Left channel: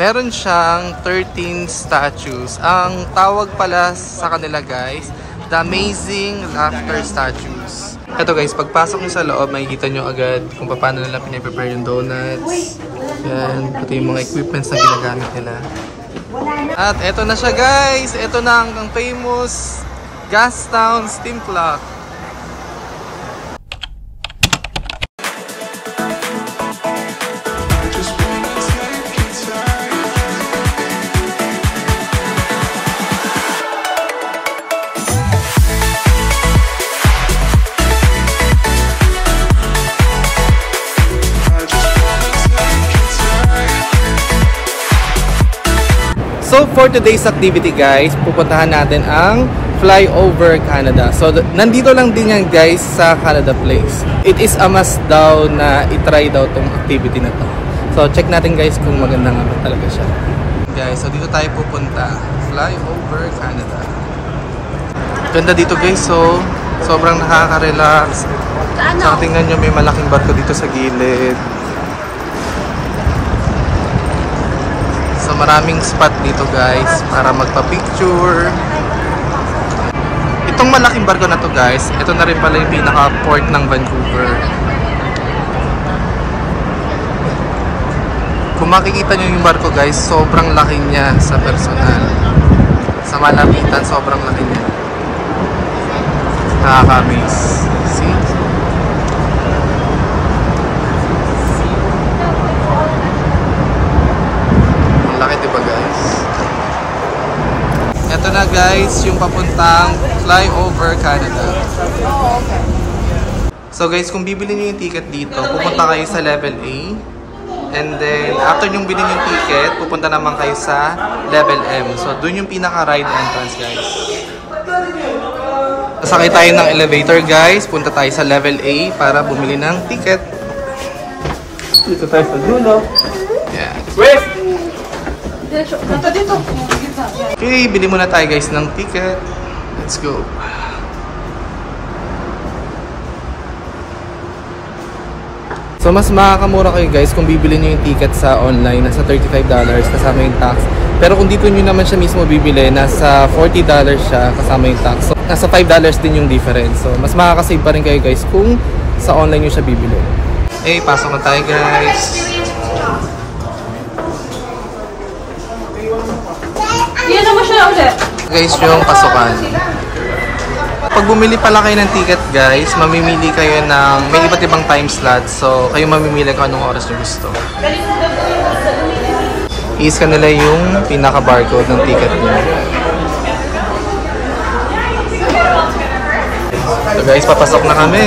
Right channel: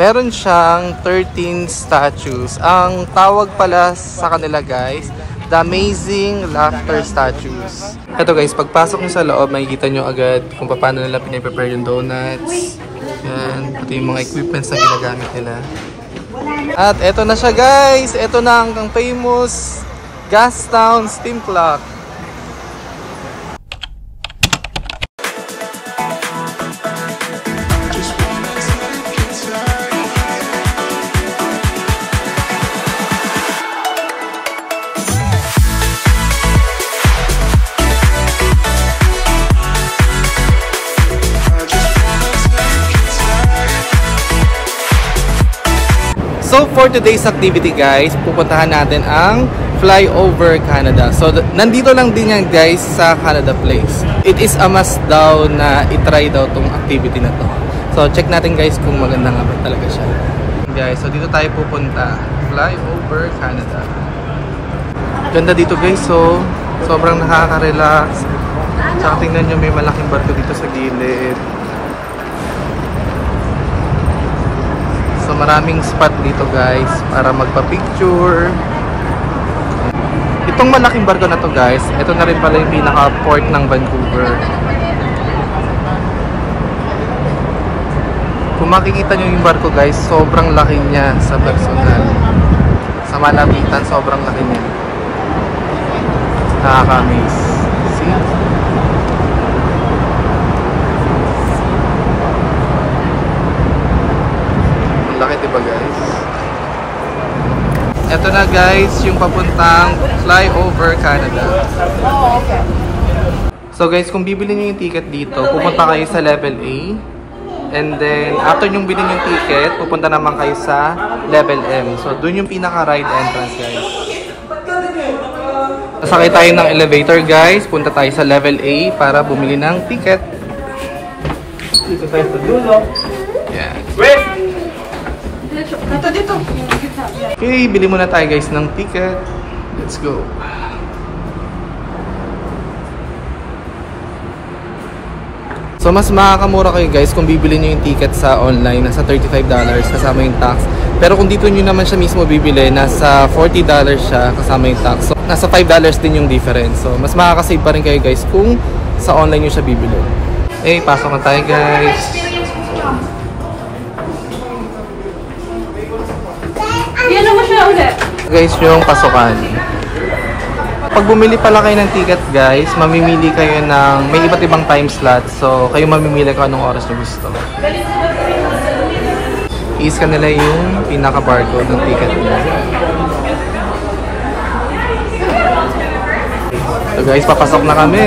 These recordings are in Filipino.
Meron siyang 13 statues. Ang tawag pala sa kanila guys, The Amazing Laughter Statues. Ito guys, pagpasok nyo sa loob, makikita nyo agad kung paano nila pinaprepare yung donuts. Yan, pati yung mga equipments na ginagamit nila. At eto na siya guys, eto na ang famous Gastown Steam Clock. So for today's activity guys, pupuntahan natin ang Flyover Canada. So nandito lang din yan guys sa Canada Place. It is a must daw na itry daw tong activity na to. So check natin guys kung maganda nga ba talaga siya. Guys, so dito tayo pupunta. Flyover Canada. Ganda dito guys, so sobrang nakaka-relax. Tsaka tingnan nyo, may malaking barko dito sa gilid. So maraming spot dito guys para magpa-picture. Itong malaking barko na to guys, ito na rin pala yung pinaka-port ng Vancouver. Kung makikita nyo yung barko guys, sobrang laki niya sa personal. Sa malapitan, sobrang laki niya. Nakaka-amaze. See? Laki diba guys? Ito na guys yung papuntang Flyover Canada. So guys, kung bibili niyo yung ticket dito, pupunta kayo sa level A. And then after nyong bilhin yung ticket, pupunta naman kayo sa level M. So dun yung pinaka-ride entrance guys. Sasakay tayo ng elevator guys. Punta tayo sa level A para bumili ng ticket. Dito tayo sa dulo. Yeah. Okay, bili muna tayo guys ng ticket. Let's go. So mas makakamura kayo guys kung bibili nyo yung ticket sa online. Nasa $35 kasama yung tax. Pero kung dito nyo naman siya mismo bibili, nasa $40 siya kasama yung tax. So nasa $5 din yung difference. So mas makakasave pa rin kayo guys kung sa online nyo siya bibili. Eh, pasok na tayo guys. Guys, yung pasukan. Pag bumili pala kayo ng ticket guys, mamimili kayo ng may iba't ibang time slot. So kayo mamimili kung anong oras nyo gusto. I-scan nila yung pinaka barcode ng ticket nyo. So guys, papasok na kami.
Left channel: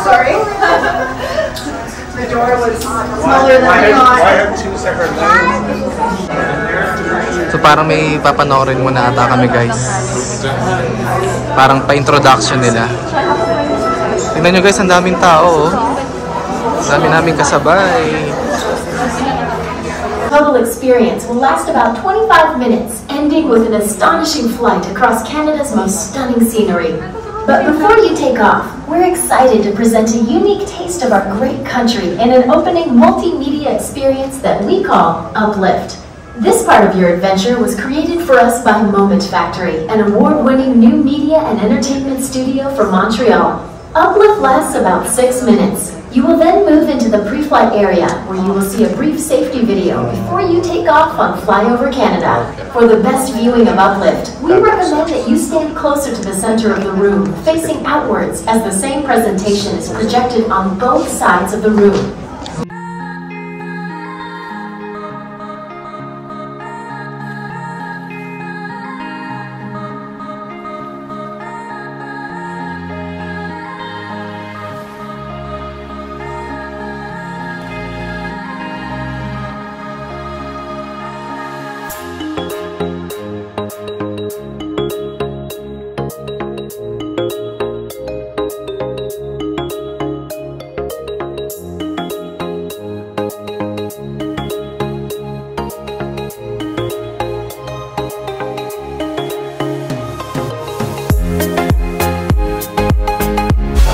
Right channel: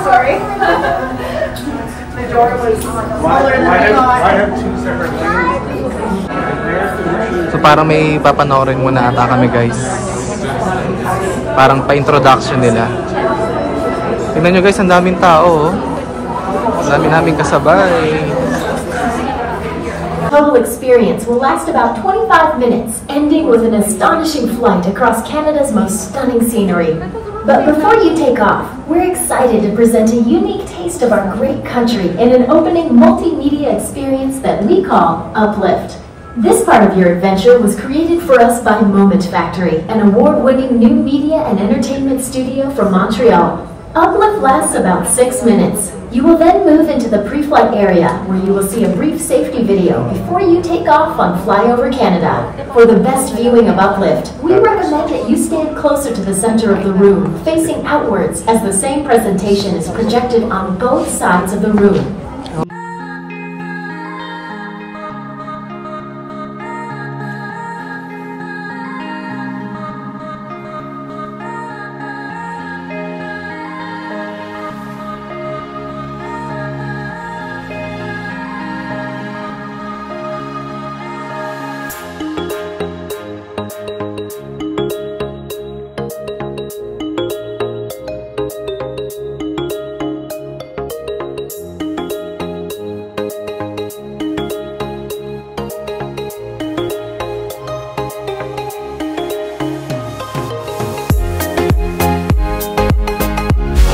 Sorry. The door was smaller than I thought. I have two separate rooms. So parang may papanoorin muna ata kami guys. Parang pa-introduction nila. Tingnan nyo guys, ang daming tao. Ang dami naming kasabay. Humble experience will last about 25 minutes, ending with an astonishing flight across Canada's most stunning scenery. But before you take off, we're excited to present a unique taste of our great country in an opening multimedia experience that we call Uplift. This part of your adventure was created for us by Moment Factory, an award-winning new media and entertainment studio from Montreal. Uplift lasts about 6 minutes. You will then move into the pre-flight area where you will see a brief safety video before you take off on Flyover Canada. For the best viewing of Uplift, we recommend that you stand closer to the center of the room, facing outwards, as the same presentation is projected on both sides of the room.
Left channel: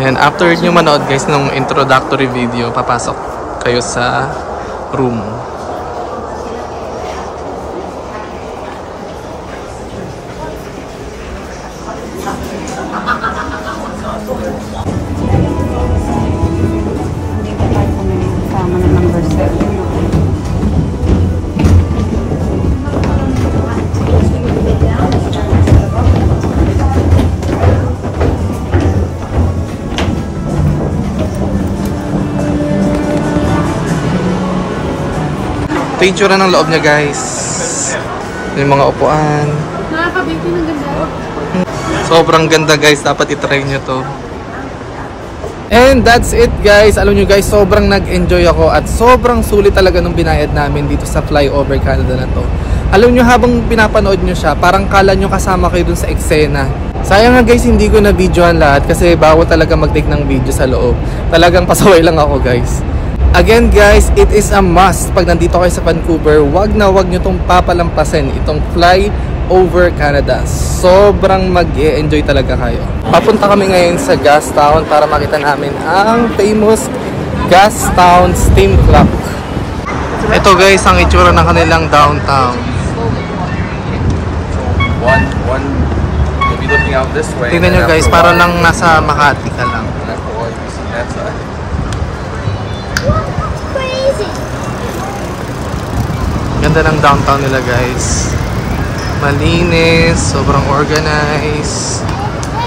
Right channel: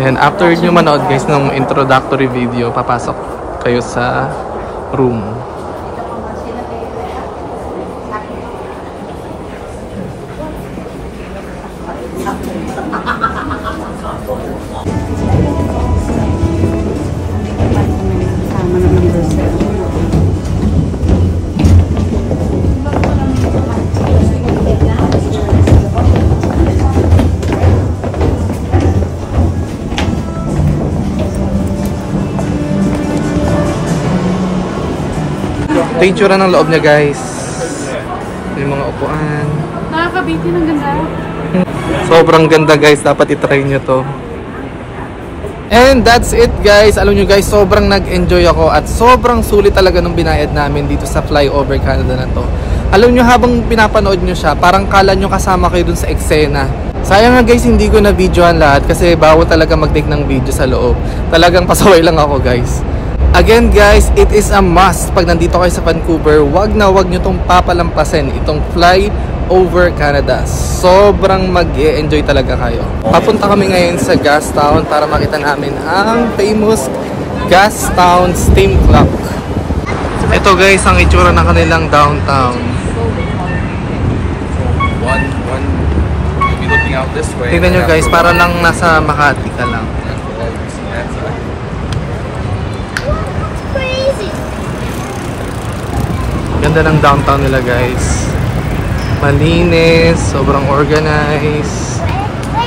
And after nyo manood guys ng introductory video, papasok kayo sa room. Ito yung tsura ng loob niya guys. Yung mga upuan. Nakaka-beauty ng ganda. Sobrang ganda guys. Dapat itry nyo to. And that's it guys. Alam nyo guys, sobrang nag-enjoy ako at sobrang sulit talaga nung binayad namin dito sa Flyover Canada na to. Alam nyo, habang pinapanood nyo siya, parang kala nyo kasama kayo dun sa eksena. Sayang nga guys, hindi ko na videohan lahat kasi bawal talaga mag-take ng video sa loob. Talagang pasaway lang ako guys. Again guys, it is a must pag nandito kayo sa Vancouver, wag na wag nyo itong papalampasin, itong Flyover Canada. Sobrang mag-e-enjoy talaga kayo. Papunta kami ngayon sa Gastown para makita namin ang famous Gastown Steam Clock. Ito guys, ang itsura ng kanilang downtown. Tingnan nyo guys, para lang nasa Makati ka lang. Ganda ng downtown nila guys. Malinis, sobrang organized.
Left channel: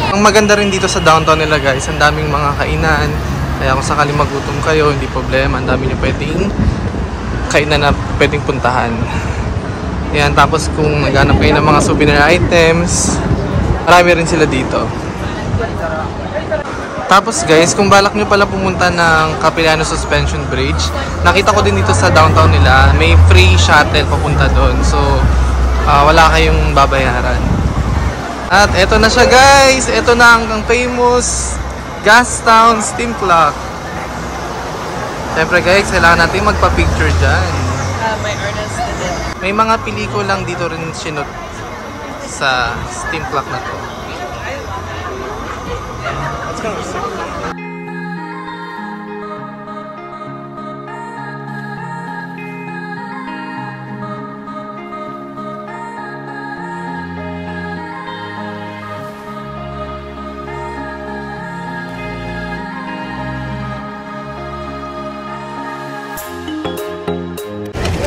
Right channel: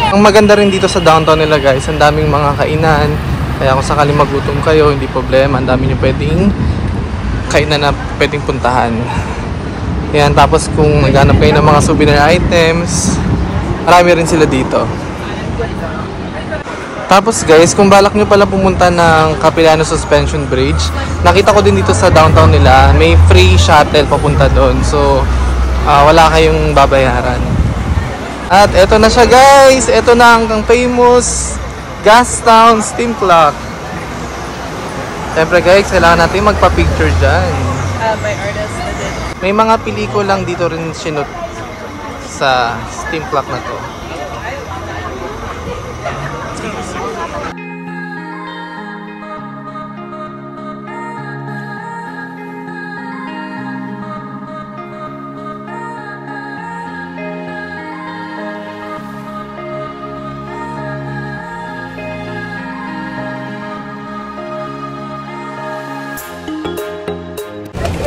Ang maganda rin dito sa downtown nila guys, ang daming mga kainan. Kaya kung sakaling magutom kayo, hindi problema. Ang dami nyo pwedeng kainan na pwedeng puntahan. Yan, tapos kung naghanap kayo ng mga souvenir items, marami rin sila dito. Tapos guys, kung balak nyo pala pumunta ng Capilano Suspension Bridge, nakita ko din dito sa downtown nila, may free shuttle papunta doon. So, wala kayong babayaran. At eto na siya guys, eto na ang famous Gastown Steam Clock. Siyempre guys, kailangan natin magpa-picture dyan. May mga pelikulang dito rin sinut sa steam clock na to.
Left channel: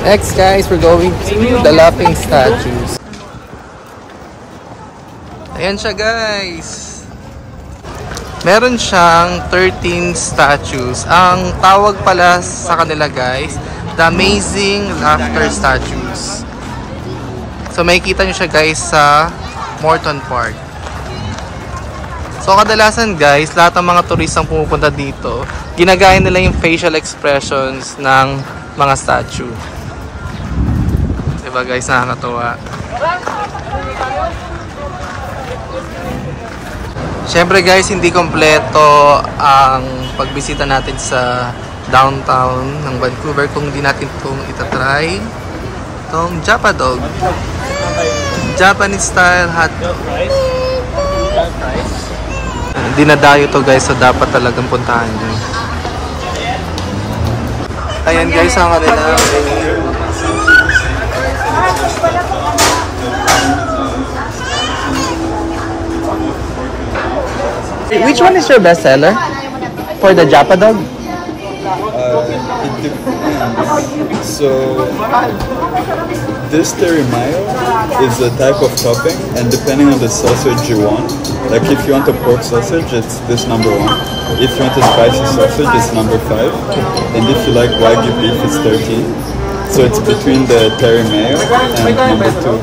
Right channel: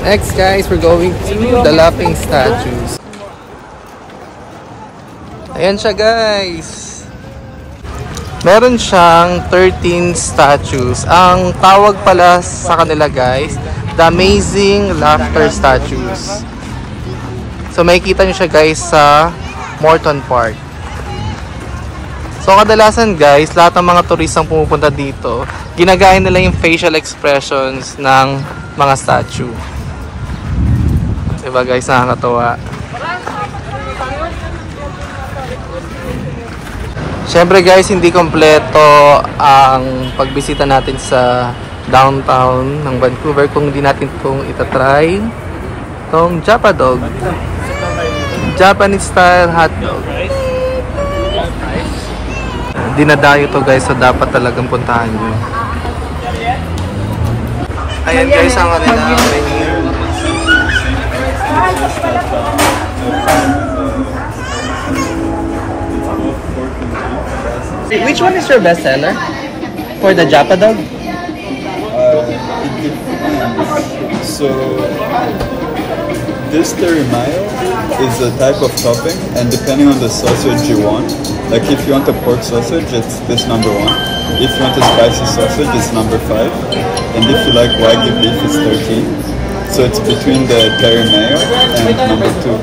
Next guys, we're going to the Laughing Statues. Ayan siya guys. Meron siyang 13 statues. Ang tawag pala sa kanila guys, The Amazing Laughter Statues. So makikita nyo siya guys sa Morton Park. So kadalasan guys, lahat ng mga turistang pumupunta dito, ginagaya nila yung facial expressions ng mga statue. Diba guys, nakakatawa. Siyempre guys, hindi kompleto ang pagbisita natin sa downtown ng Vancouver kung hindi natin itong itatry. Itong Japadog, Japanese style hotdog. Dinadayo to guys, so dapat talagang puntahan nyo. Ayan guys, ang kanila menu. Which one is your best seller for the Japadog? It depends. So this teriyaki is the type of topping, and depending on the sausage you want, like if you want a pork sausage, it's this number 1. If you want a spicy sausage, it's number 5. And if you like Wagyu beef, it's 13. So it's between the teriyaki and number 2.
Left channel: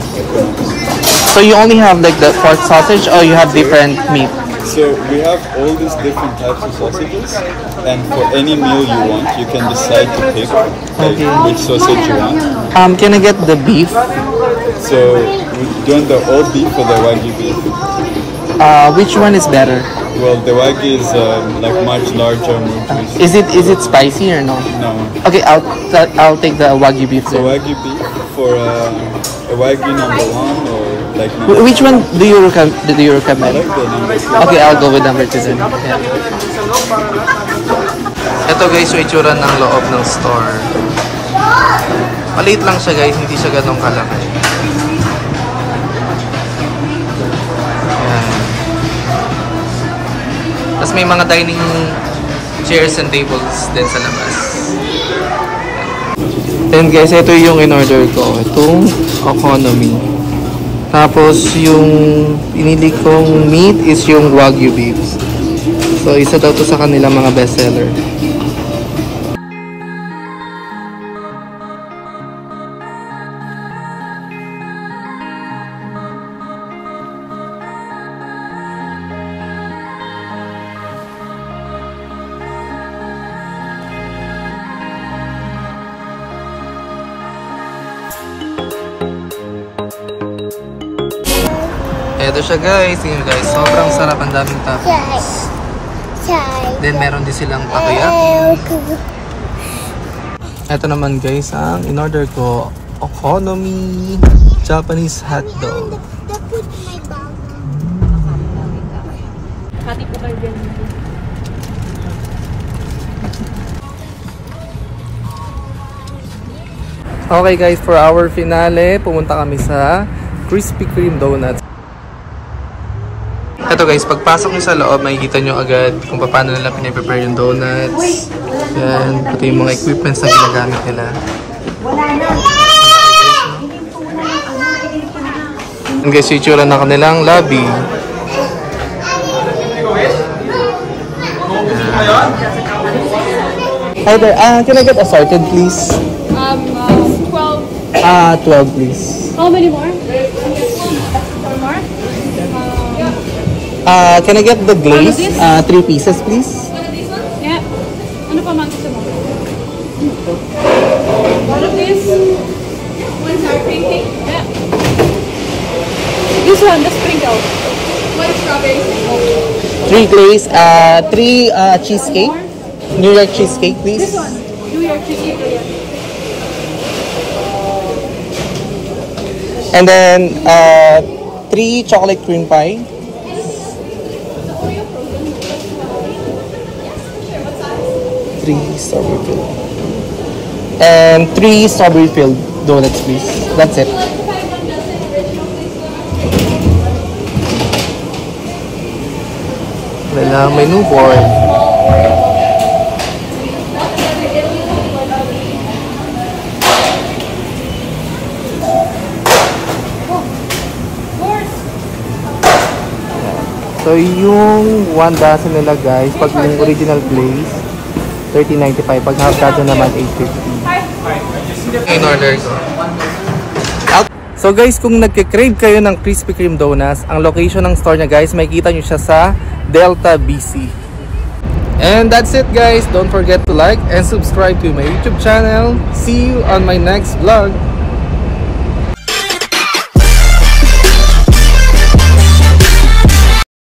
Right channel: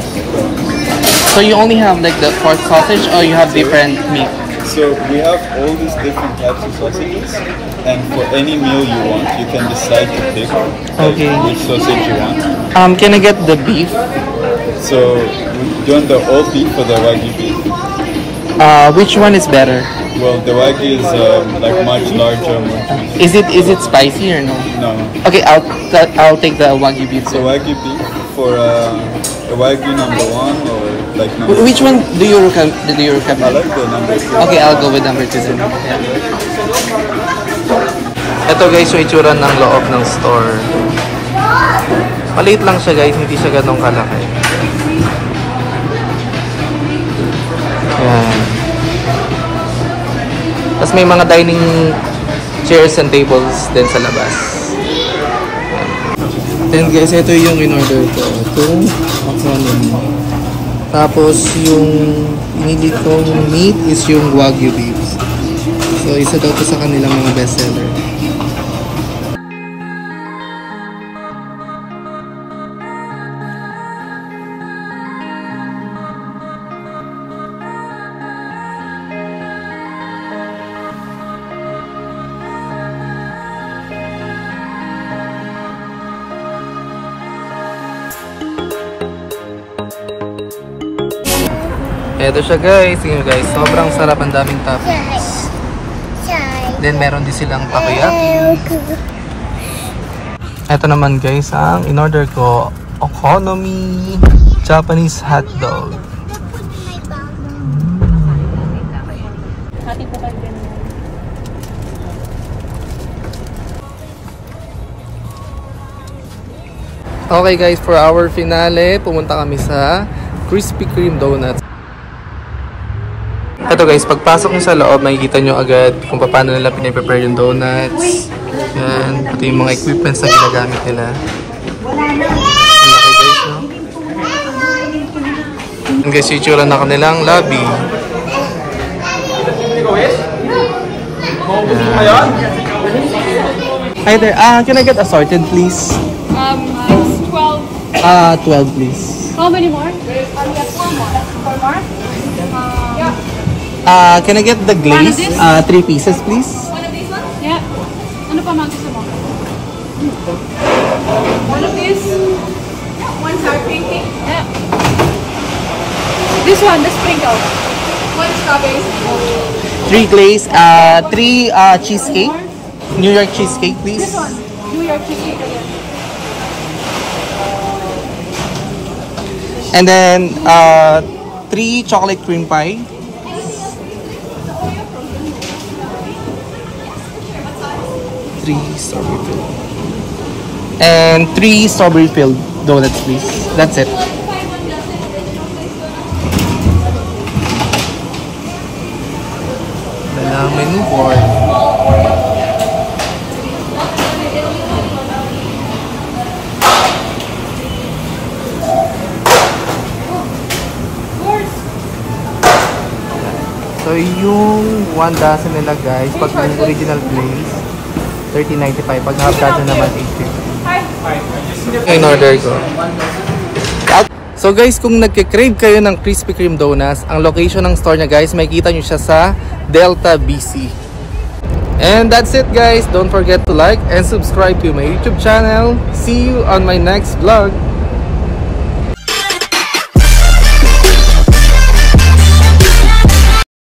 So you only have like the pork sausage, or you have different meat? So we have all these different types of sausages, and for any meal you want, you can decide to pick which sausage you want. Can I get the beef? So do you want the all beef or the Wagyu beef? Which one is better? Well, the Wagyu is like much larger, more juicy. Is it spicy or no? No. Okay, I'll take the Wagyu beef. So Wagyu beef for a A Wagyu number 1 or like number Which one do you recommend? I like the number 2. Okay, I'll go with number 2 then. Yeah. Ito guys, yung itsura ng loob ng store. Maliit lang siya guys, hindi siya ganong kalaki. Yan. Tapos may mga dining chairs and tables din sa labas. Then guys, ito yung in-order ko. Itong economy. Tapos yung pinili kong meat is yung Wagyu beef. So isa daw to sa kanilang mga bestseller. Ito siya guys, yun guys, sobrang sarap, ang daming toppings. Then meron din silang takoyaki. Ito naman guys, ang in-order ko, economy Japanese hotdog. Okay guys, for our finale, pumunta kami sa Krispy Kreme Donuts. Ito guys, pagpasok nyo sa loob, makikita nyo agad kung paano nila pinaprepare yung donuts. Yan, pati yung mga equipments na ginagamit nila. Ang laki guys, no? Yan guys, yung itsura na kanilang lobby. Yan. Hi there, can I get assorted please? 12. 12 please. How many more? Can I get the glaze? 3 pieces, please. One of these ones? Yeah. Ano pa man gusto mo? One of these? One sour cream cake? Yeah. This one, the sprinkle. One strawberry. 3 glaze, 3 cheesecake. New York cheesecake, please. This one, New York cheesecake. And then 3 chocolate cream pie. 3 strawberry filled. And 3 strawberry filled donuts, please. That's it. Dalang menu board. So yung 1 dozen nila guys, pag yung original glaze, $13.95. Pag half dozen naman, $8.50. In order ko. So guys, kung nagke-crave kayo ng Krispy Kreme Donuts, ang location ng store niya guys, makikita nyo siya sa Delta, BC. And that's it guys. Don't forget to like and subscribe to my YouTube channel. See you on my next vlog.